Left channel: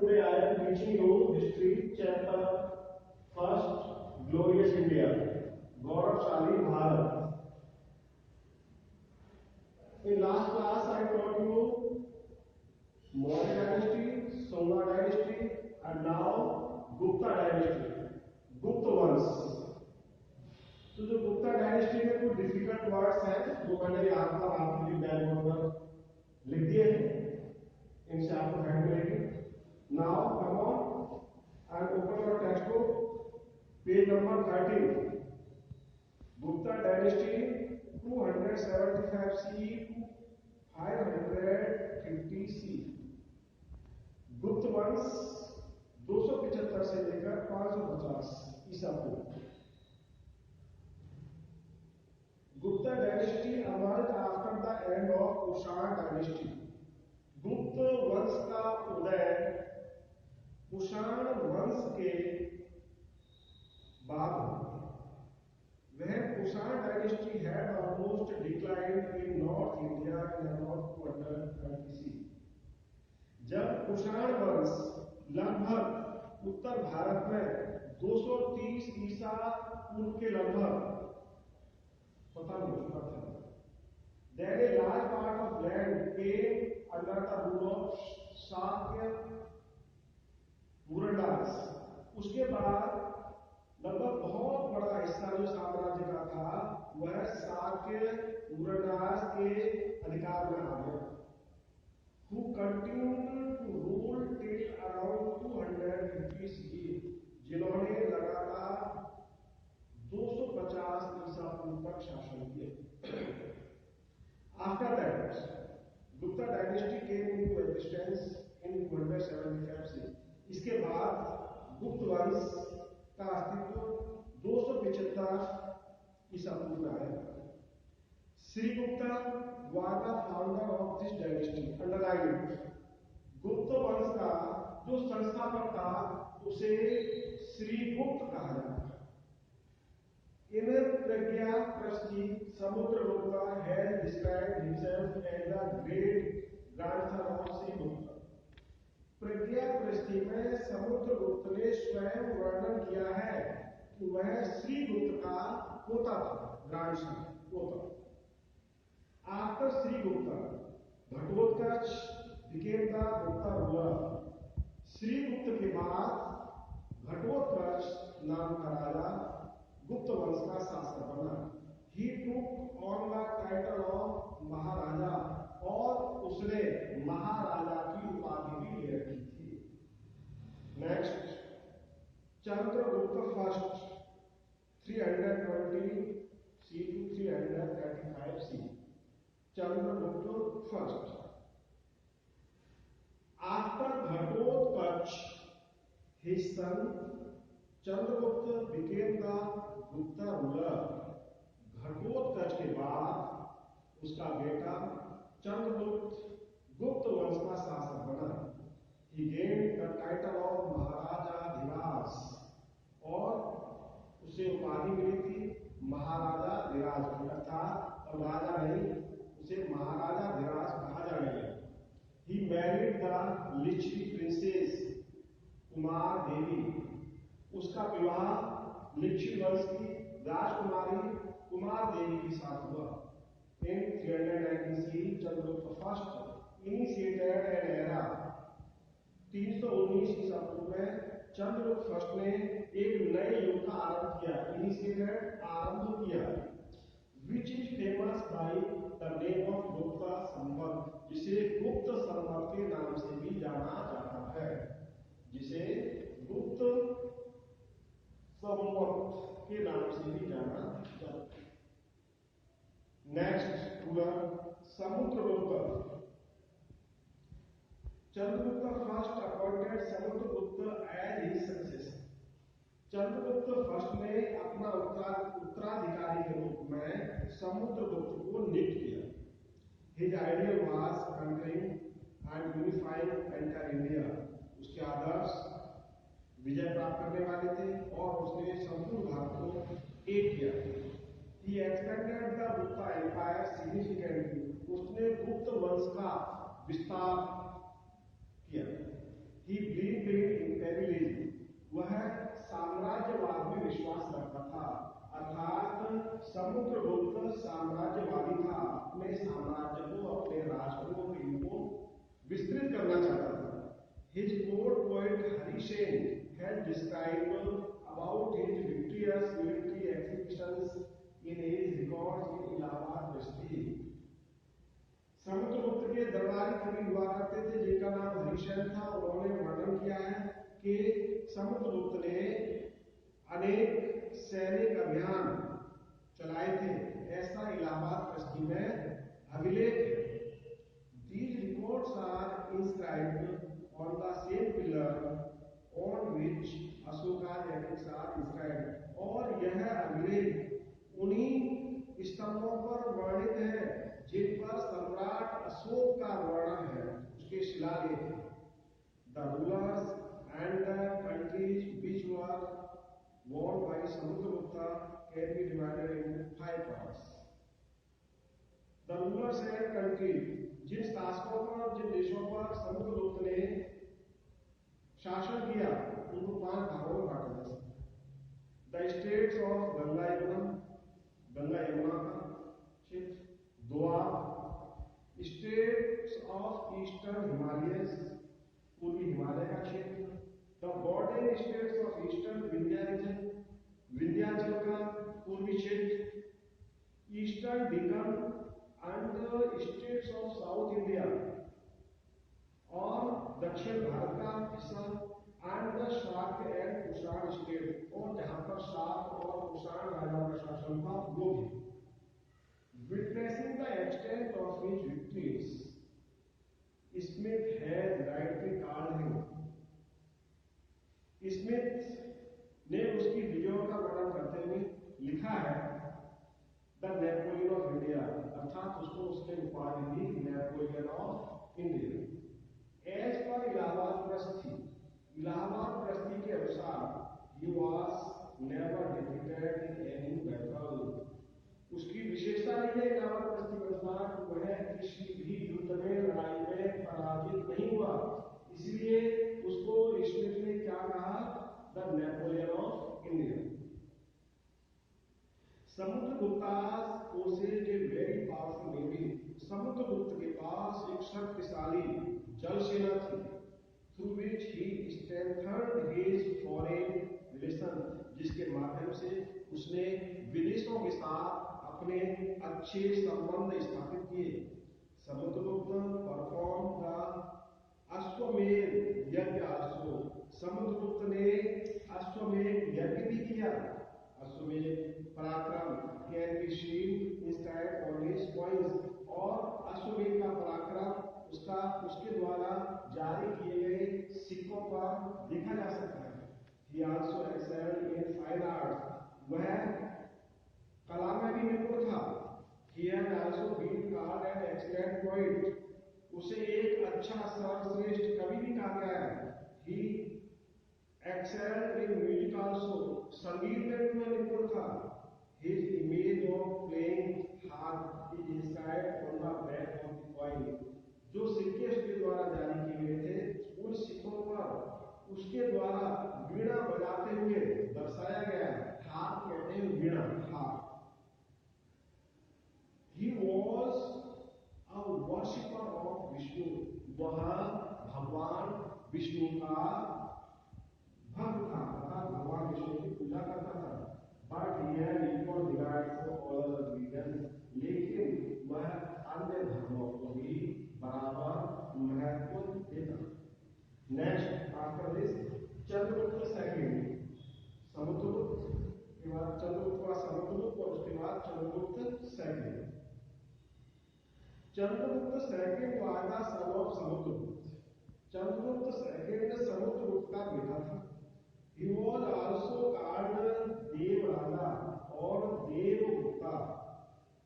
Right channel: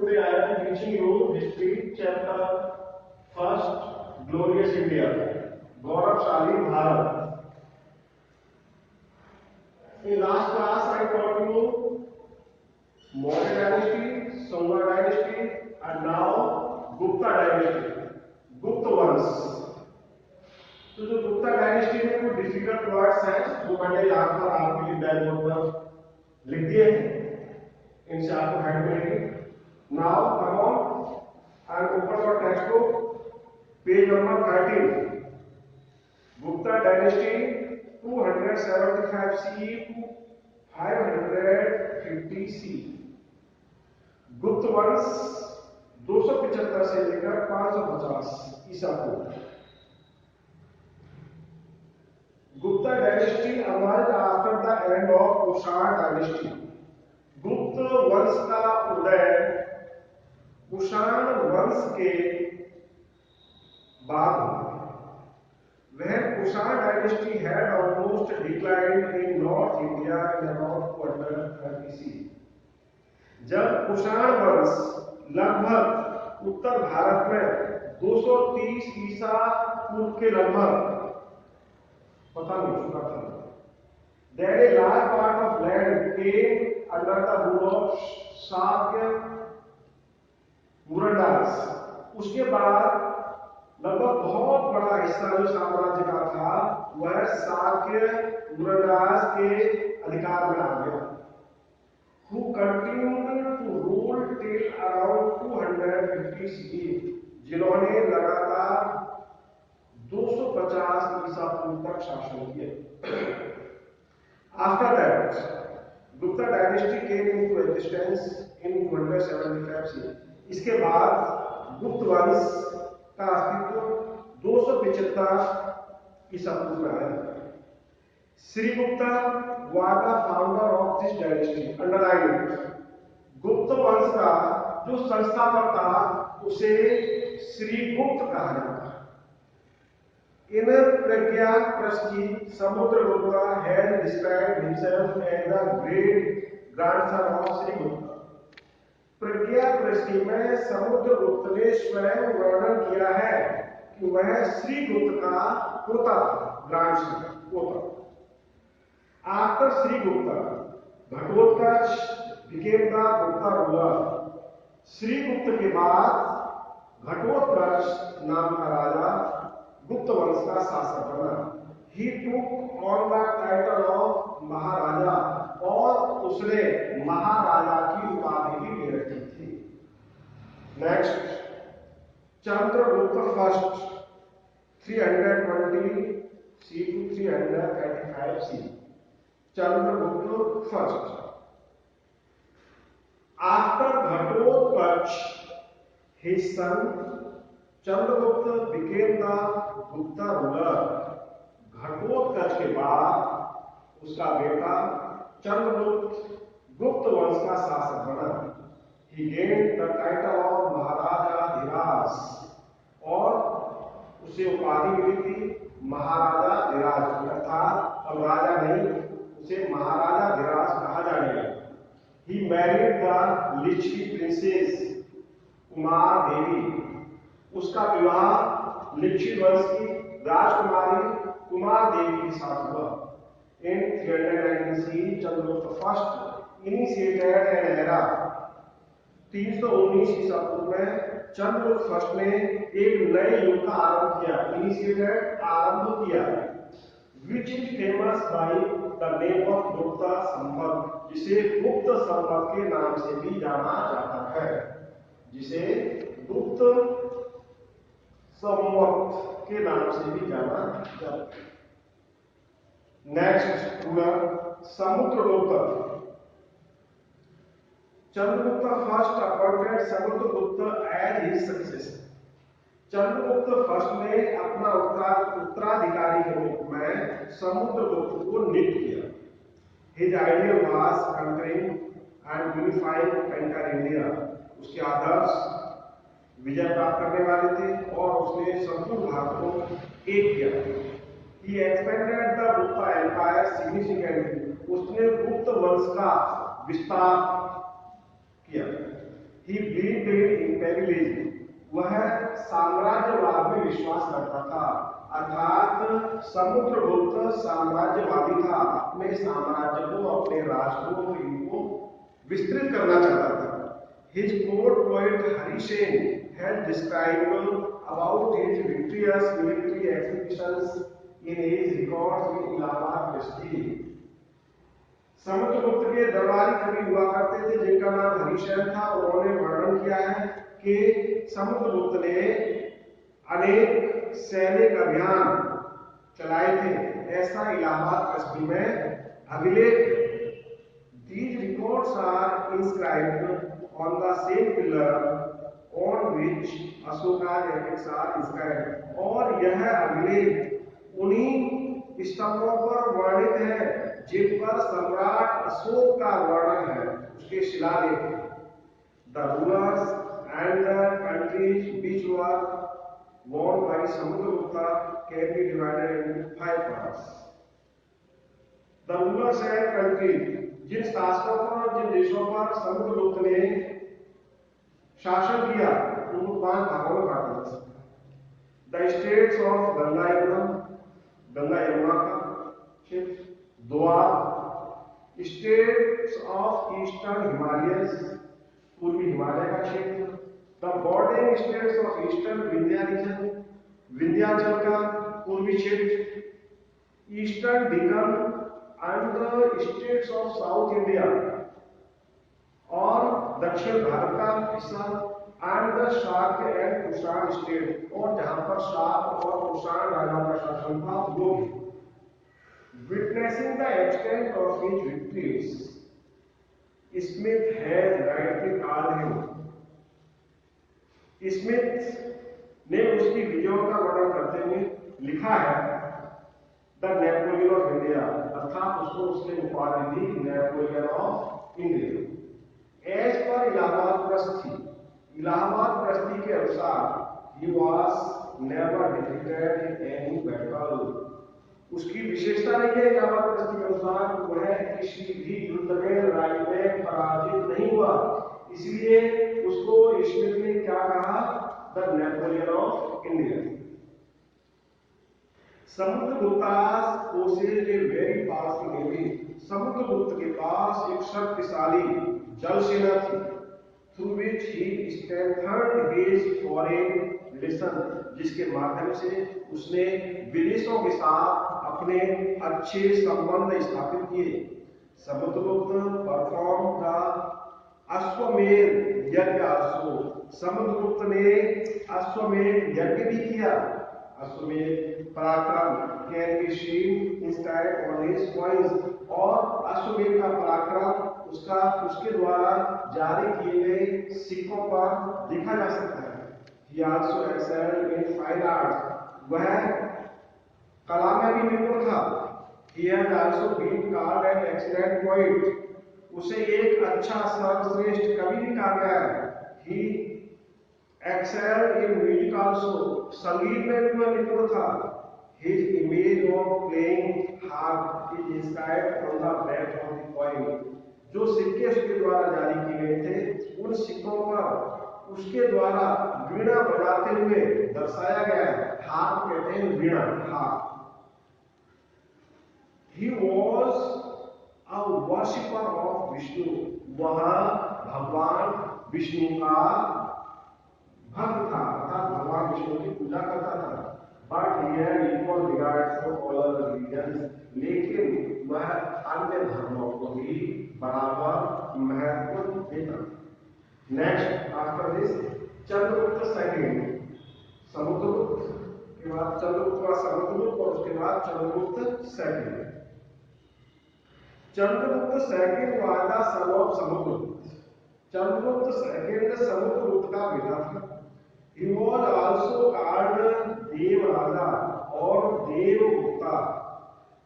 today I am teaching you history chapter first, glorious India, गौरवशाली Bharat. In last class I taught you Maurya dynasty, Songa dynasty, and now Gupta dynasty, Gupta वंश. तो जो Gupta dynasty में कुछ difficult words हैं जो मैंने यहाँ पर आपके लिए ब्लैक बोर्ड पर लिख दिए हैं, इनसे आपको हेल्प मिलेगी. Now come on and open your text book, page number 13. Gupta dynasty 275 CE to 550 CE. गुप्त वंश 275 से लेकर 550 ईसा पूर्व. Gupta dynasty emerged after the end of Kushan dynasty. गुप्त वंश का उदय कुषाण वंश के बाद हुआ. वह Kushan dynasty had almost declined in North India in about 230 CE. जब कुषाण वंश लगभग उत्तर भारत में 230 ईसा पूर्व के लगभग पता नहीं चुका था. That a large part of land came under the rule of Shakya Murandas. उसके बाद लगभग बहुत बड़ा हिस्सा जो साम्राज्य का था वह शाक्य मुरंदास के अधिकार में आ गया. Who continued to rule till around 250 CE, जिन्होंने लगातार 250 ईसा पूर्व तक शासन किया. After that, Gupta dynasty came into existence in 275 CE. इसके बाद गुप्त वंश का अस्तित्व 275 ईसा पूर्व में आया. श्रीगुप्ता was the founder of this dynasty. Underline, गुप्त वंश का जो संस्थापक था उसे श्रीगुप्त कहा जाता है. In Pragyaprasthi, Samudragupta has described himself as the great grandson of Srigupta. प्रज्ञाप्रस्थि में समुद्रगुप्त ने स्वयं वर्णन किया है कि वह श्रीगुप्त का पोता था, ग्रैंडसन पोता. After Srigupta, Ghatotkacha became the Gupta ruler. Srigupta के बाद घटोत्कच नाम का राजा गुप्त वंश का शासक बना. He took on the title of महाराजा और उसने महाराजा की उपाधि भी ले रखी थी. Next, Chandragupta first 320 CE to 335 CE. Chandragupta first. After Ghatotkacha, his son Chandragupta became the Gupta ruler. Ghatotkacha के बाद उसका बेटा चंद्रगुप्त गुप्त वंश का शासक बना. He gained the title of महाराजा धीराज और उसे उपाधि मिली थी महाराजा धीराज. अर्थात अब राजा नहीं, उसे महाराजा धीराज कहा जाने लगा. He married the Lichvi princess Kumar देवी. उसका विवाह लिच्छवी वंश की राजकुमारी कुमार देवी के साथ हुआ. In 319 CE, Chandragupta first initiated an era. 319 ईसा पूर्व में चंद्रगुप्त फर्स्ट ने एक नए युग का आरंभ किया. इनिशिएटेड आरंभ किया. Which is famous by the name of Gupta संवत, जिसे गुप्त संवत के नाम से भी जाना जाता है. जिसे गुप्त संवत के नाम से भी जाना जाता है. Next ruler Samudragupta. Chandragupta first appointed Samudragupta as his successor. Chandragupta first ने अपना उत्तराधिकारी के रूप में समुद्रगुप्त को नियुक्त किया. His ideal was conquering and unifying entire India. उसके आदर्श विजय प्राप्त करने वाले थे और उसने संपूर्ण भारत को एक किया. He expanded the Gupta Empire significantly. उसने गुप्त वंश का विस्तार किया. He believed in imperialism. वह साम्राज्यवाद में विश्वास रखता था, अर्थात समुद्रगुप्त साम्राज्यवादी था। अपने साम्राज्य को, अपने राष्ट्र को, इनको विस्तृत करना चाहता था। His court poet Hari Sen has described about his victorious military exhibitions in his records in Allahabad Prestige. Samudragupta के दरबारी कवि हुआ करते थे जिनका नाम हरिसेन था। उन्होंने वर्णन किया है कि समुद्रगुप्त ने अनेक सैनिक अभियान चलाए थे, ऐसा इलाहाबाद कस्बी में अभिलेख है। These records are inscribed on the same pillar on which Ashoka's epics are inscribed. और यह अभिलेख उन्हीं स्तंभों पर वर्णित है जिन पर सम्राट अशोक का वर्णन है, उसके शिलालेख। The rulers and the countries which were won by Samudragupta can be divided into 5 parts. The rulers and countries, जिन शासकों पर और जिन देशों पर समुद्रगुप्त ने शासन किया, उनको 5 भागों में बांटा जा सकता है। The states of Ganga Yamuna का क्षेत्र, द्वार, states of eastern Himalayas, पूर्वी हिमालय का क्षेत्र, the bordering states of eastern Vindhya region, Vindhyachal का पूर्वी क्षेत्र, eastern deacon and the states of South India और दक्षिण भारत का हिस्सा, and the Shakya and Kushan state, और जहां पर शाक और कुषाण राजाओं का शासन था वो भी। Witnessing the extent of his victories, Smith has rightly called him. Smith ने उसकी विजयों का वर्णन करते हुए लिखा है द नेपोलियन ऑफ इंडिया, अर्थात उसको उसने उपाधि दी नेपोलियन ऑफ इंडिया। एज पर इलाहाबाद प्रस्ती के अनुसार he was never defeated in any battle. उसकी विशेषता नहीं है इलाहाबाद प्रस्ती के अनुसार वह किसी भी युद्ध में, लड़ाई में पराजित नहीं हुआ, इसलिए उसको स्मिथ ने क्या कहा, the Napoleon of India. Samudragupta's possessed a very powerful navy. Samudragupta के पास एक शक्तिशाली जल सेना थी, through which he strengthened his foreign relation, जिसके माध्यम से उसने विदेशों के साथ अपने अच्छे संबंध स्थापित किए। समुद्रगुप्त परफॉर्म द अश्वमेध यज्ञ आल्सो। समुद्रगुप्त ने अश्वमेध यज्ञ भी किया। अश्वमेध पराक्रम can be seen inscribed on his coins, और अश्वमेध का पराक्रम उसके द्वारा जारी किए गए सिक्कों पर देखा जा सकता है। He also excelled in fine arts, वह कला में भी निपुण था। He has also been called an excellent poet, उसे एक अच्छा सर्वश्रेष्ठ कवि भी कहा गया है। He excelled in music also, संगीत में भी वह निपुण था। His image of playing harp is inscribed on the back of the coin, जो सिक्के उसके द्वारा जारी किए गए थे उन सिक्कों पर उसके द्वारा वीणा बजाते हुए दर्शाया गया है। हार्प कहते हैं वीणा, harp. He was a worshipper of Vishnu, वह भगवान विष्णु का भक्त था, अर्थात भगवान विष्णु की पूजा करता था। But he had equal regard for all other religions, लेकिन वह अन्य धर्मों को भी बराबर महत्व देता। Next after this Chandragupta second, Samudragupta के बाद चंद्रगुप्त का समुद्रगुप्त और उसके बाद Chandragupta second. Chandragupta second was the son of Samudragupta. Chandragupta second Samudragupta का बेटा था। He was also called देव राजा और देवगुप्ता,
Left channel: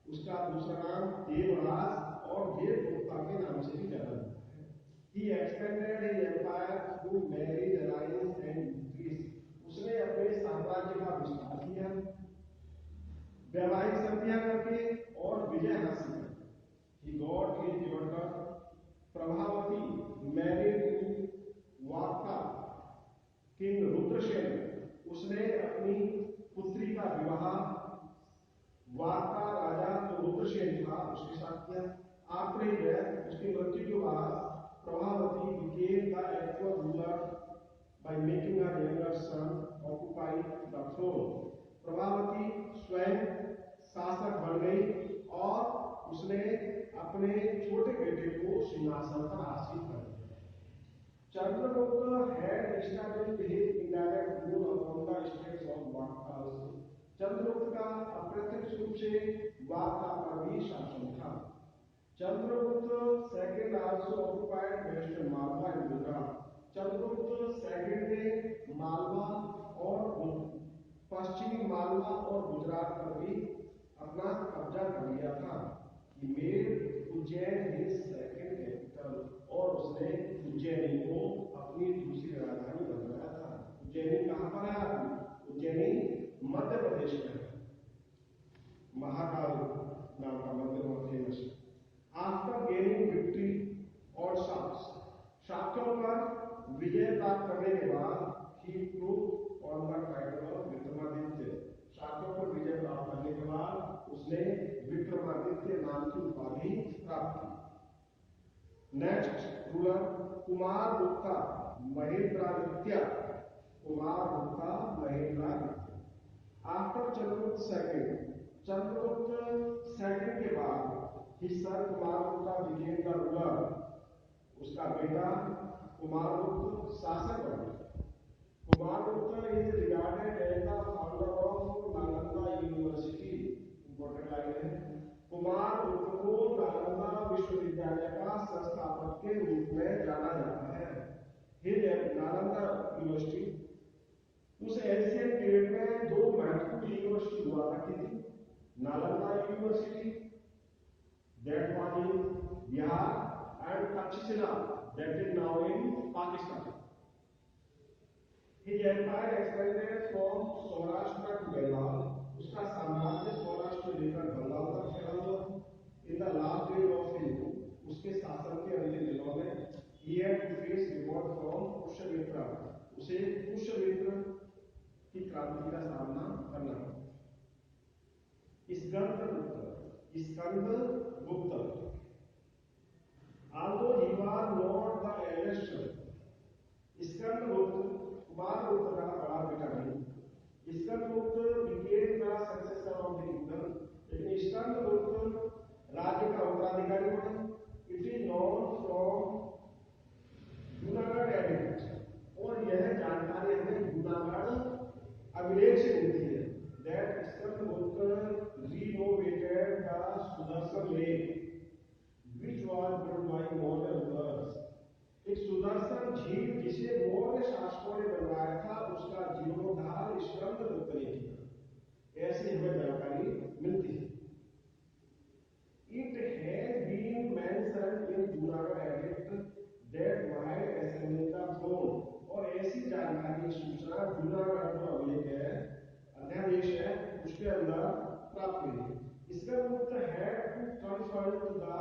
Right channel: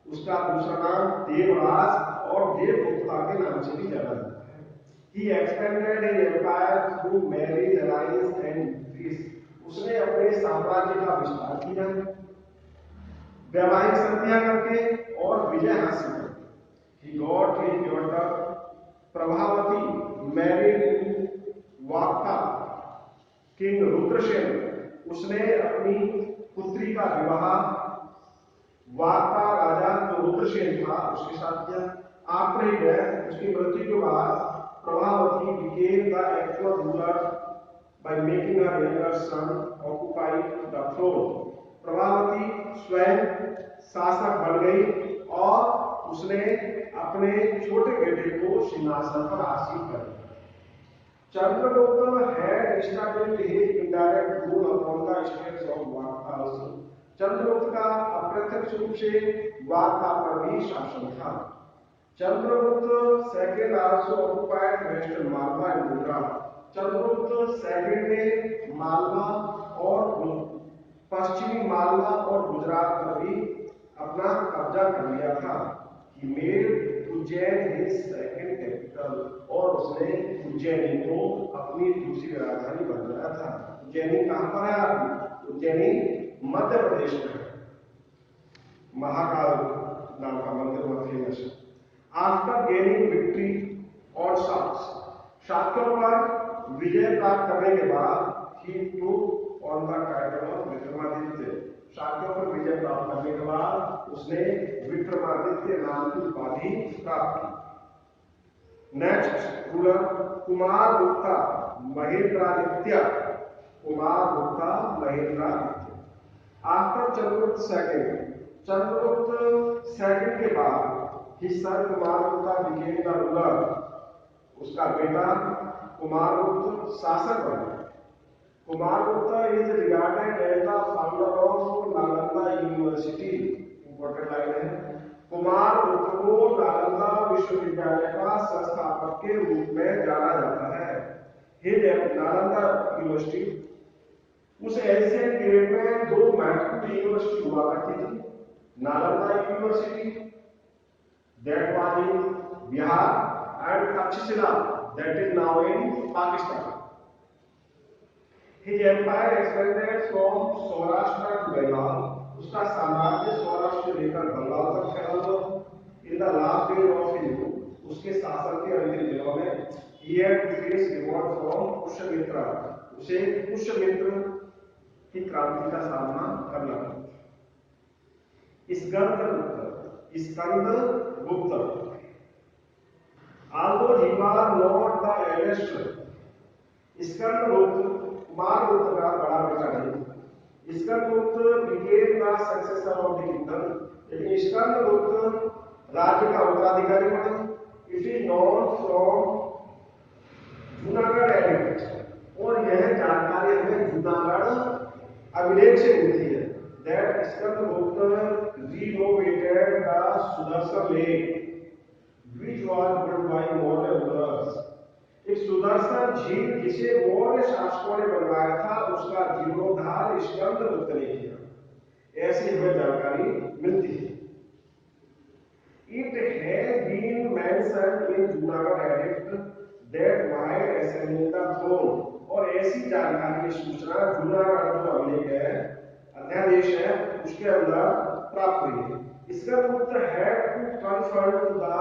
उसका दूसरा नाम देवराज और देवगुप्ता के नाम से भी जाना जाता है। He expanded his empire through marriage, alliance and peace, उसने अपने साम्राज्य का विस्तार किया वैवाहिक संधियां करके और विजय हासिल करके। He got his daughter Prabhavati married in king Rudrasena, उसने अपनी पुत्री का विवाह वार्ता राजा जो रुद्रसेन था उसके साथ किया। आफ्टर ही डेथ, उसकी मृत्यु के बाद Prabhavati became the actual ruler by making her younger son occupy the throne. Prabhavati स्वयं शासक बन गई और उसने अपने छोटे बेटे को सिंहासन पर आसीन कर दिया। Chandragupta had established his indirect rule upon the states of Varta also. Chandragupta का अप्रत्यक्ष रूप से वार्ता पर भी शासन था। Chandragupta second also occupied western Malwa and Gujarat. Chandragupta second ने मालवा और पश्चिमी मालवा और गुजरात पर भी अपना कब्जा कर लिया था। He made Ujjain his second capital, और उसने उज्जैनी को अपनी दूसरी राजधानी बनाया था। उज्जैनी कहां पर है आपकी? उज्जैनी मध्य प्रदेश में है। महाकाल नाम का मंदिर बहुत फेमस है। आफ्टर गेनिंग विक्ट्री और शाक्यों पर विजय प्राप्त करने के बाद he took on the title of Vikramaditya. शाक्यों पर विजय प्राप्त करने के बाद उसने विक्रमादित्य नाम की उपाधि प्राप्त की। Next ruler Kumar Gupta Mahendraditya. Kumar Gupta Mahendraditya. After Chandragupta second के बाद he son Kumar Gupta became the ruler. उसका बेटा कुमार गुप्त शासक बना। Kumar Gupta is regarded as the founder of Nalanda university. Important line है। कुमार गुप्त को नालंदा विश्वविद्यालय का संस्थापक के रूप में जाना जाता है। नालंदा यूनिवर्सिटी उस एशियन पीरियड में दो महत्वपूर्ण यूनिवर्सिटी हुआ करती थी। Nalanda university that was in Bihar and Takshashila that is now in Pakistan. His empire expanded from Saurashtra to Bengal. उसका साम्राज्य सौराष्ट्र से लेकर बंगाल तक फैला हुआ। In the last days of his rule, उसके शासन के अंतिम दिनों में he had to face revolt from Pushyamitra. उसे पुष्यमित्र की क्रांति का सामना करना पड़ा। Skandagupta although he was not the eldest, Skandagupta Kumaragupta का बड़ा बेटा नहीं। Skandagupta became the successor of the kingdom, लेकिन स्कंदगुप्त राज्य का उत्तराधिकारी बना। It is known from Junagadh addict, और यह जानकारी हमें जूनागढ़ अभिलेख से मिलती है। That Skandagupta renovated the Sudarshan lake, which was built by Maurya rulers. एक सुदर्शन झील जिसे मौर्य शासकों ने बनवाया था, उसका जीर्णोद्धार स्कंदगुप्त ने किया, ऐसी हमें जानकारी मिलती है। It has been mentioned in Junagadh Edict that while assembling the throne, और ऐसी जानकारी सूचना जूनागढ़ जो अभिलेख है, अध्यादेश है, उसके अंदर प्राप्त हुई है। Skandagupta had to confront the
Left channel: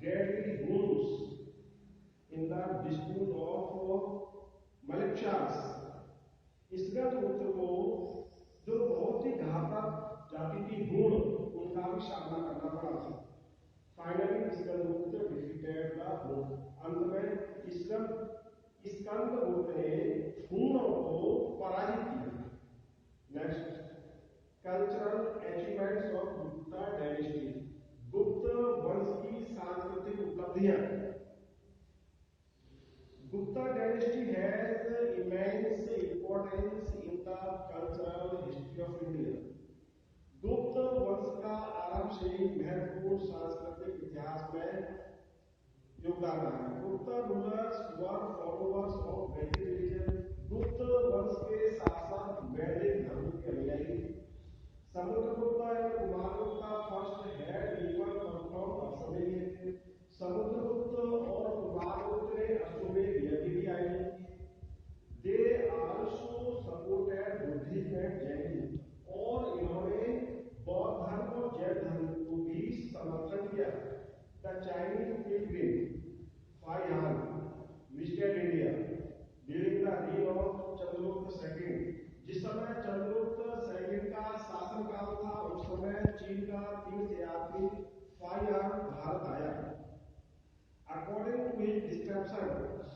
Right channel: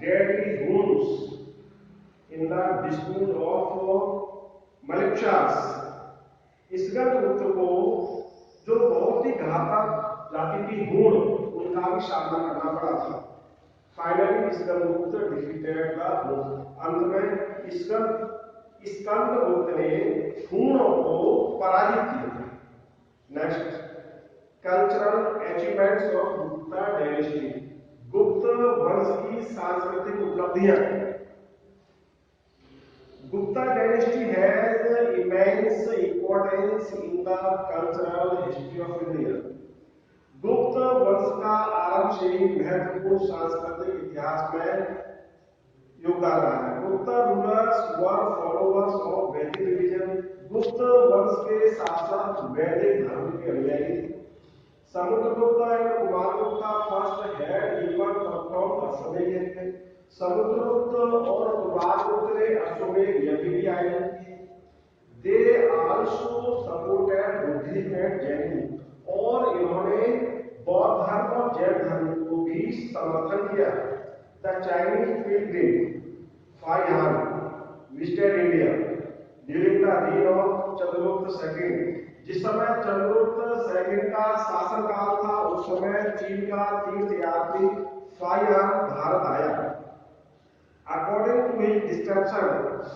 deadly wounds in the dispute of Maliksha's। Skandagupta को जो बहुत ही घातक जाति की भूण, उनका भी सामना करना पड़ा था। Finally Skandagupta defeated the Huna. अंत में स्कंदगुप्त ने भूणों को पराजित किया। Next cultural achievements of Gupta dynasty. Gupta वंश की सांस्कृतिक उपलब्धियां। Gupta dynasty has immense importance in the cultural history of India. गुप्त वंश का आरंभ से ही महत्वपूर्ण सांस्कृतिक इतिहास में योगदान रहा है। गुप्त रूलर्स वर फॉलोवर्स ऑफ वैदिक रिलीजन। गुप्त वंश के शासक वैदिक धर्म के अनुयायी थे। Samudragupta and Kumaragupta first had equal perform अश्वमेध यज्ञ। समुद्रगुप्त और कुमारगुप्त ने अश्वमेध यज्ञ भी आयोजित किए। They also supported Buddhism and Jainism, और इन्होंने बौद्ध धर्म और जैन धर्म को भी समर्थन किया। The Chinese pilgrim Fahien visited India during the reign of Chandragupta second. जिस समय चंद्रगुप्त सेकंड का शासनकाल था उस समय चीन का तीर्थयात्री फाहियान भारत आया। According to his description,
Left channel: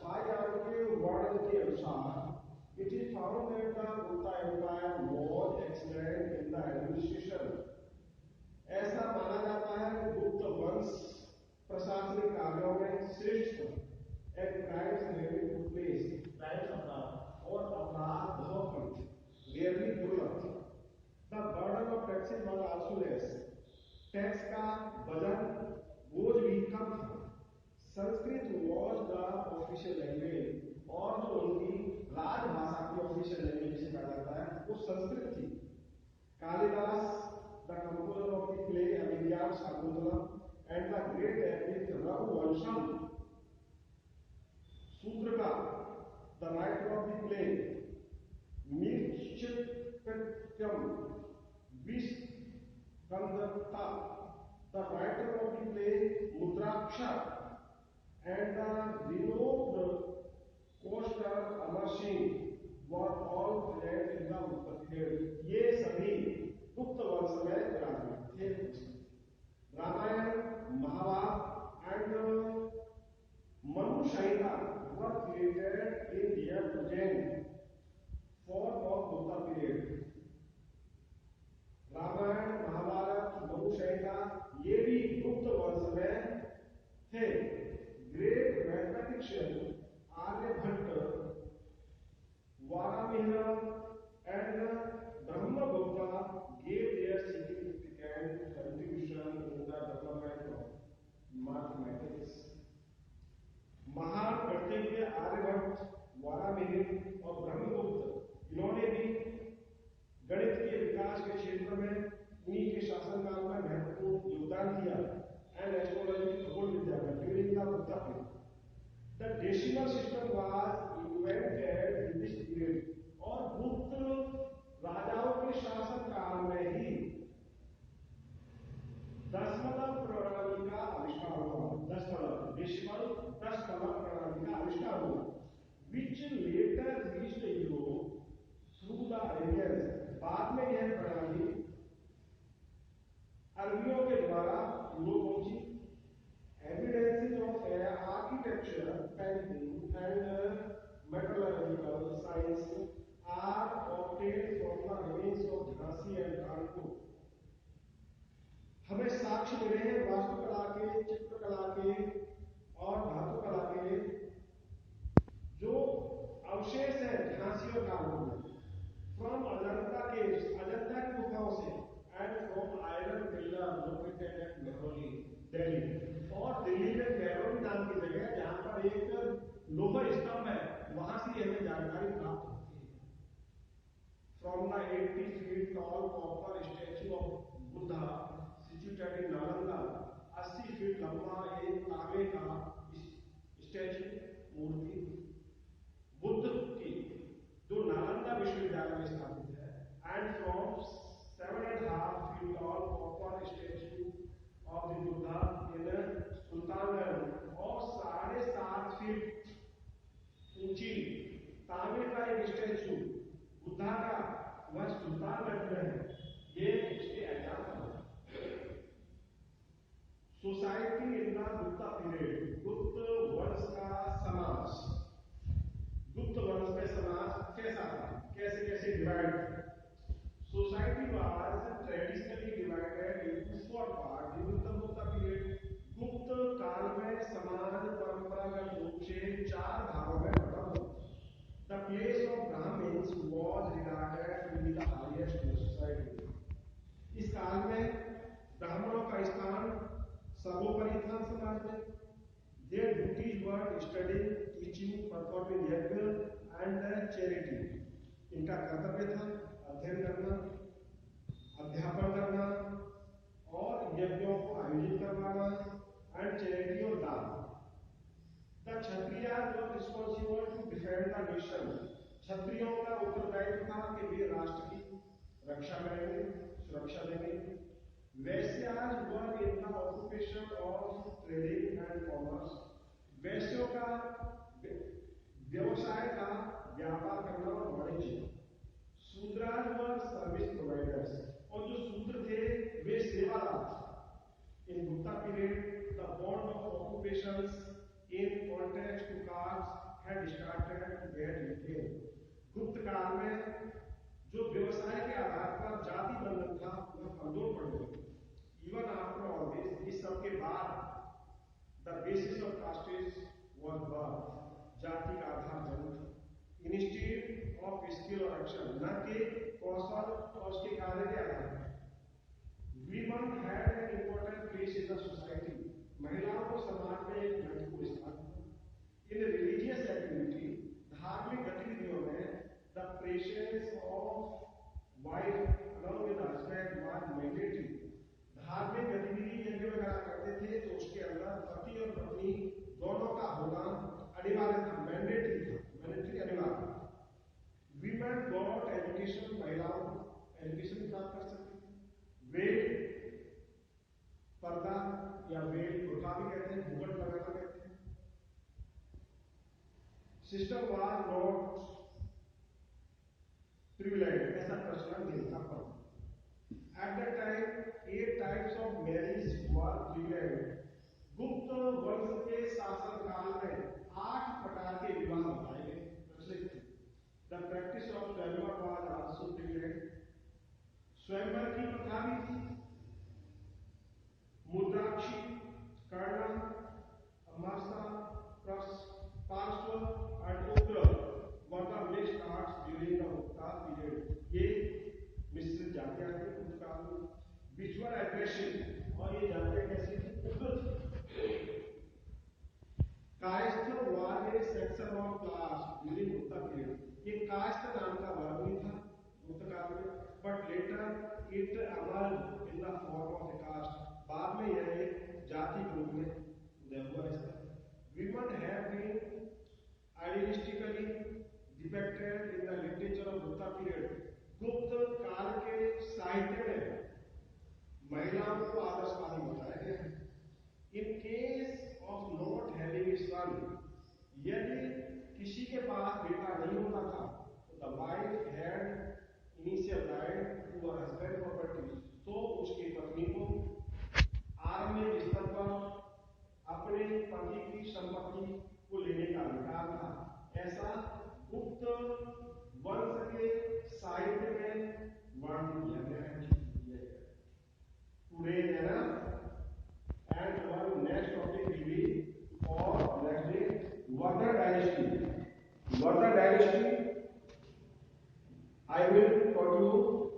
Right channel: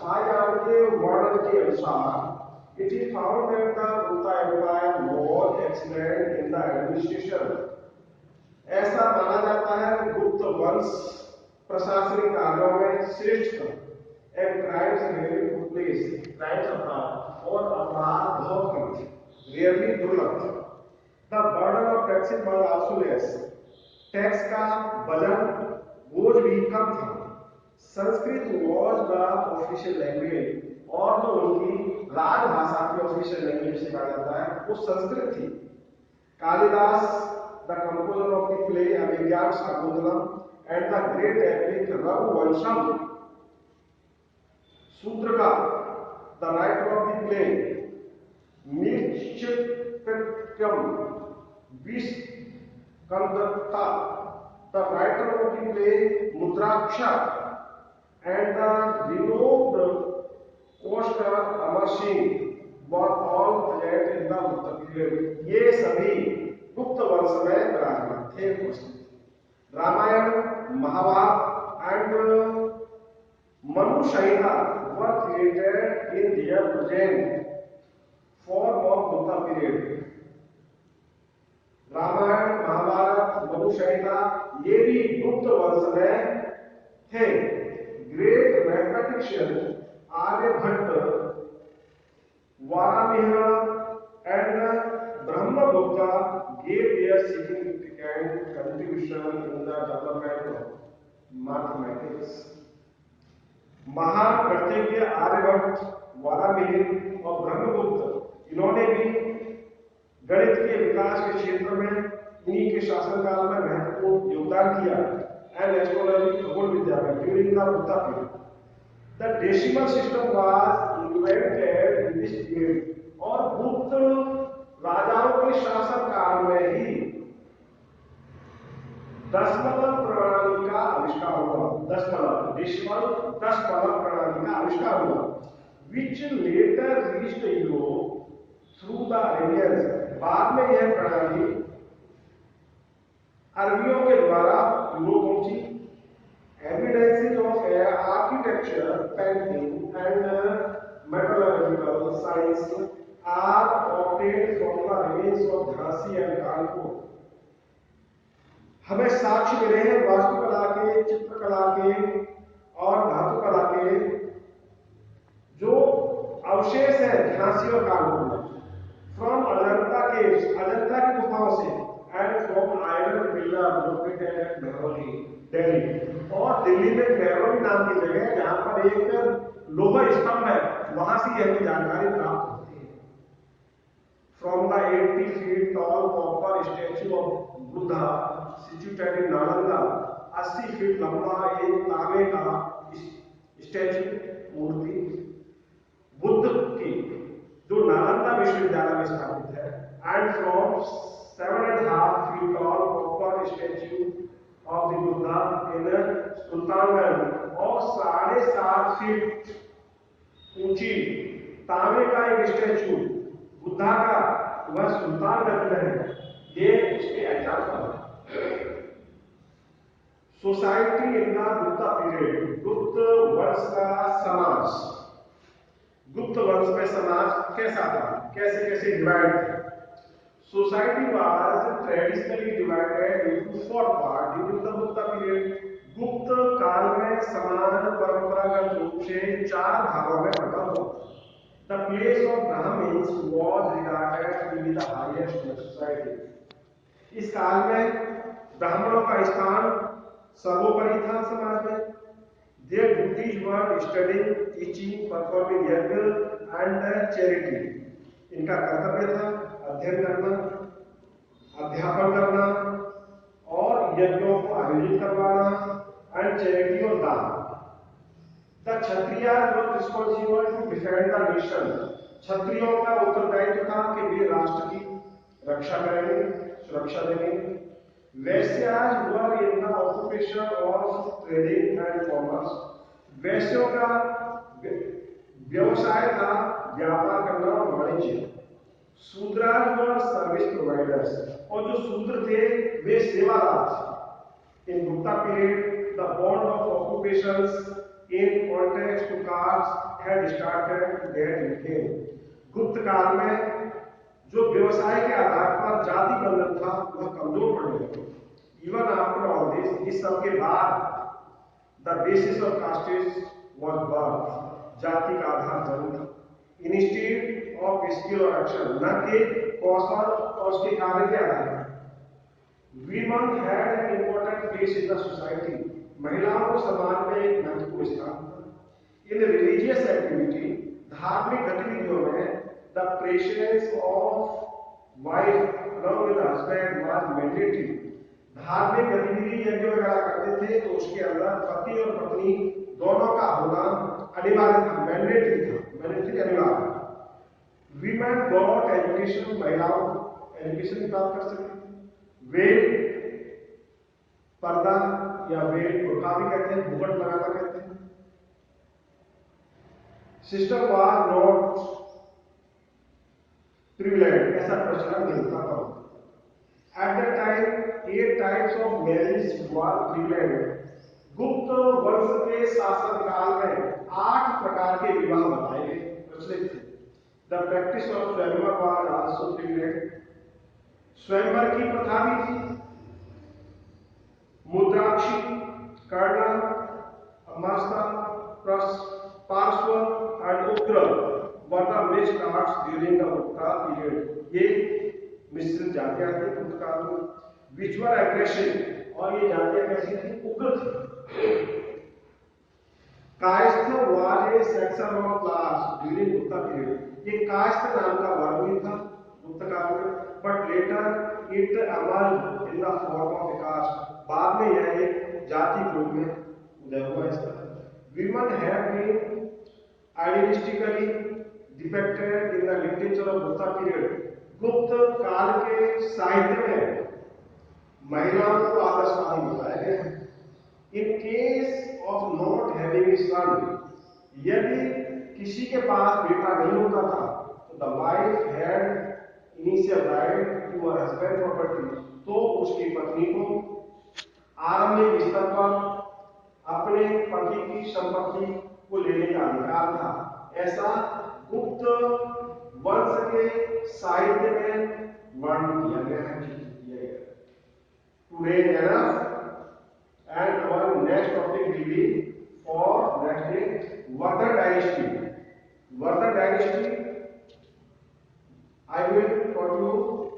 Fahien के वर्णन के अनुसार it is found that the Gupta Empire was excellent in the administration. ऐसा माना जाता है गुप्त वंश प्रशासनिक कार्यों में श्रेष्ठ था। And crimes rarely took place. Crimes और अपराध बहुत कम थे, rarely दुर्लभ था। The burden of taxes was also less. Tax का वजन बोझ भी कम था। Sanskrit was the official language और जो उनकी राजभाषा की ऑफिशियल लैंग्वेज से कहा जाता है वो संस्कृत थी। Kalidas the composer of the play Abhigyan Shakuntalam and the great epic Raghuvansham, Sutraka, the writer of the play Mirchikatyam Viskandatta, the writer of the play Mudraksha, and the renowned coaster Amar Singh were all present in the Gupta period. ये सभी गुप्त वंश में विराजमान थे, उपस्थित। Ramayan, Mahabharat and Manu Sanhita were created in their present form of Gupta period. Ramayan, Mahabharat, Manu संहिता ये भी गुप्त वंश में थे। Great mathematician Aryabhatta, Varahamihira and Brahmagupta gave their significant contribution in the development of mathematics. महान गणितज्ञ आर्यभट्ट, वारामिहिर और ब्रह्मगुप्त इन्होंने भी गणित के विकास के क्षेत्र में इन्हीं के शासनकाल में महत्वपूर्ण योगदान किया। एंड एस्ट्रोलॉजी, खगोल विद्या में during the Gupta period the decimal system was invented in this period. और गुप्त राजाओं के शासनकाल में ही दशमलव प्रणाली का आविष्कार हुआ। दशमलव, डेसिमल, दशमलव प्रणाली का आविष्कार हुआ, which later reached Europe through the Arabians। बाद में यह प्रणाली अरबियों के द्वारा यूरोप पहुंची। Evidences of architecture, painting and metallurgical science are obtained from the remains of Jhansi and Kanpur। हमें साक्ष्य मिले हैं वास्तुकला के, चित्रकला के और धातुकला के जो अवशेष है झांसी और कानपुर में। फ्रॉम अजंता केव्स, अजंता की गुफाओं से, and from iron pillar located at Mehrauli, Delhi. और दिल्ली में मेहरौली नाम की जगह है जहां पर एक लोहा स्तंभ है, वहां से यह जानकारी प्राप्त होती है। From the 80 feet tall copper statue of Buddha situated in Nalanda, 80 feet लंबा एक तांबे का स्टैचू, मूर्ति बुद्ध की जो नालंदा विश्वविद्यालय में स्थापित है। And from 7.5 feet tall copper statue of the Buddha in Sultanganj, और 7.5 फीट ऊंची तांबे का एक स्टैचू बुद्धा का वह सुल्तानगंज में है। ये इसके एग्जाम्पल है। Society in the Gupta period, गुप्त वंश का समाज। गुप्त वंश में समाज कैसा था, कैसे कैसे डिवाइड थे। Society was traditionally divided into 4 part during the Gupta period. Gupta काल में समाज परंपरागत रूप से 4 भागों में बंटा हुआ। The place of Brahmins was regarded to be the highest in the society। इस काल में ब्राह्मणों का स्थान सर्वोपरि था समाज में। Their duties were studying, teaching, performing यज्ञ and charity। इनका कर्तव्य था अध्ययन करना, अध्यापन करना और यज्ञों को आयोजित करवाना, एंड चैरिटी और दान। The Kshatriyas were responsible to defend the nation। क्षत्रियों का उत्तरदायित्व था कि वे राष्ट्र की रक्षा करेंगे, सुरक्षा देंगे। वैश्यास were in the occupation of trading and commerce। वैश्यों का व्यवसाय था व्यापार करना और वाणिज्य। शूद्राज वर सर्विस प्रोवाइडर्स, और जो शूद्र थे वे सेवादार थे। In Gupta period the bond of occupations in context to caste had started to get weakened. Gupta काल में जो व्यवसाय के आधार पर जाति बंधन था वह कमजोर पड़ने लगा। इवन आफ्टर ऑल दिस, इस सब के बाद the basis of castes was birth, जाति का आधार जन्म था। इंस्टीट्यूट ऑफ स्किल और एक्शन, न कि कौशल और उसके कार्य के आधार पर। Women had an important place in the society, महिलाओं को समाज में एक महत्वपूर्ण स्थान था। इन रिलीजियस एक्टिविटी, धार्मिक गतिविधियों में the presence of wife along with husband was mandatory। धार्मिक गतिविधि यज्ञ वगैरह करते थे तो उसके अंदर पति और पत्नी दोनों का होना अनिवार्य था, मैंडेटरी था, मैंडेटरी अनिवार्य। वीमेन गॉट एजुकेशन, महिलाओं एजुकेशन प्राप्त कर सके। वेल, पर्दा या वेल बुर्का भी कहते हैं, घूंघट लगाना कहते हैं। सिस्टम वाज नॉट प्रिविलेज, ऐसा प्रचलन नहीं था। At the time 8 types of marriage were privilege. गुप्त वंश के शासन काल में 8 प्रकार के विवाह बताए गए, प्रचलित थे। द प्रैक्टिस ऑफ स्वयंवर वाज आल्सो प्रिविलेज, स्वयंवर की प्रथा भी थी। मुद्राक्षी, कर्ण, अमास्ता, पार्श्व एंड उग्र were the mixed arts during the Gupta period. ये मिश्रित जातियां थी गुप्त काल में। विच वर एग्रेसिव, और ये जातियां कैसी थी? उग्र थी। Kayastha was A section of class during Gupta period. ये कायस्थ नाम का वर्ग भी था गुप्त काल में, but later it emerge in the form of a caste. बाद में यह एक जाति के रूप में उदय हुआ इसका। Women have been idealistically depicted in the literature of Gupta period. Gupta काल के साहित्य में महिलाओं को आदर्शवादी बताया गया है। In case of not having a son, यदि किसी के पास बेटा नहीं होता था तो the wife had initial right to her husband property, तो उसकी पत्नी को आरंभिक स्तर पर अपने पति की संपत्ति को लेने का अधिकार था। ऐसा गुप्त वंश के साहित्य में वर्णन किया गया है। Today enough, and our next topic will be for next day Vardha dynasty. Vardha dynasty, I will taught you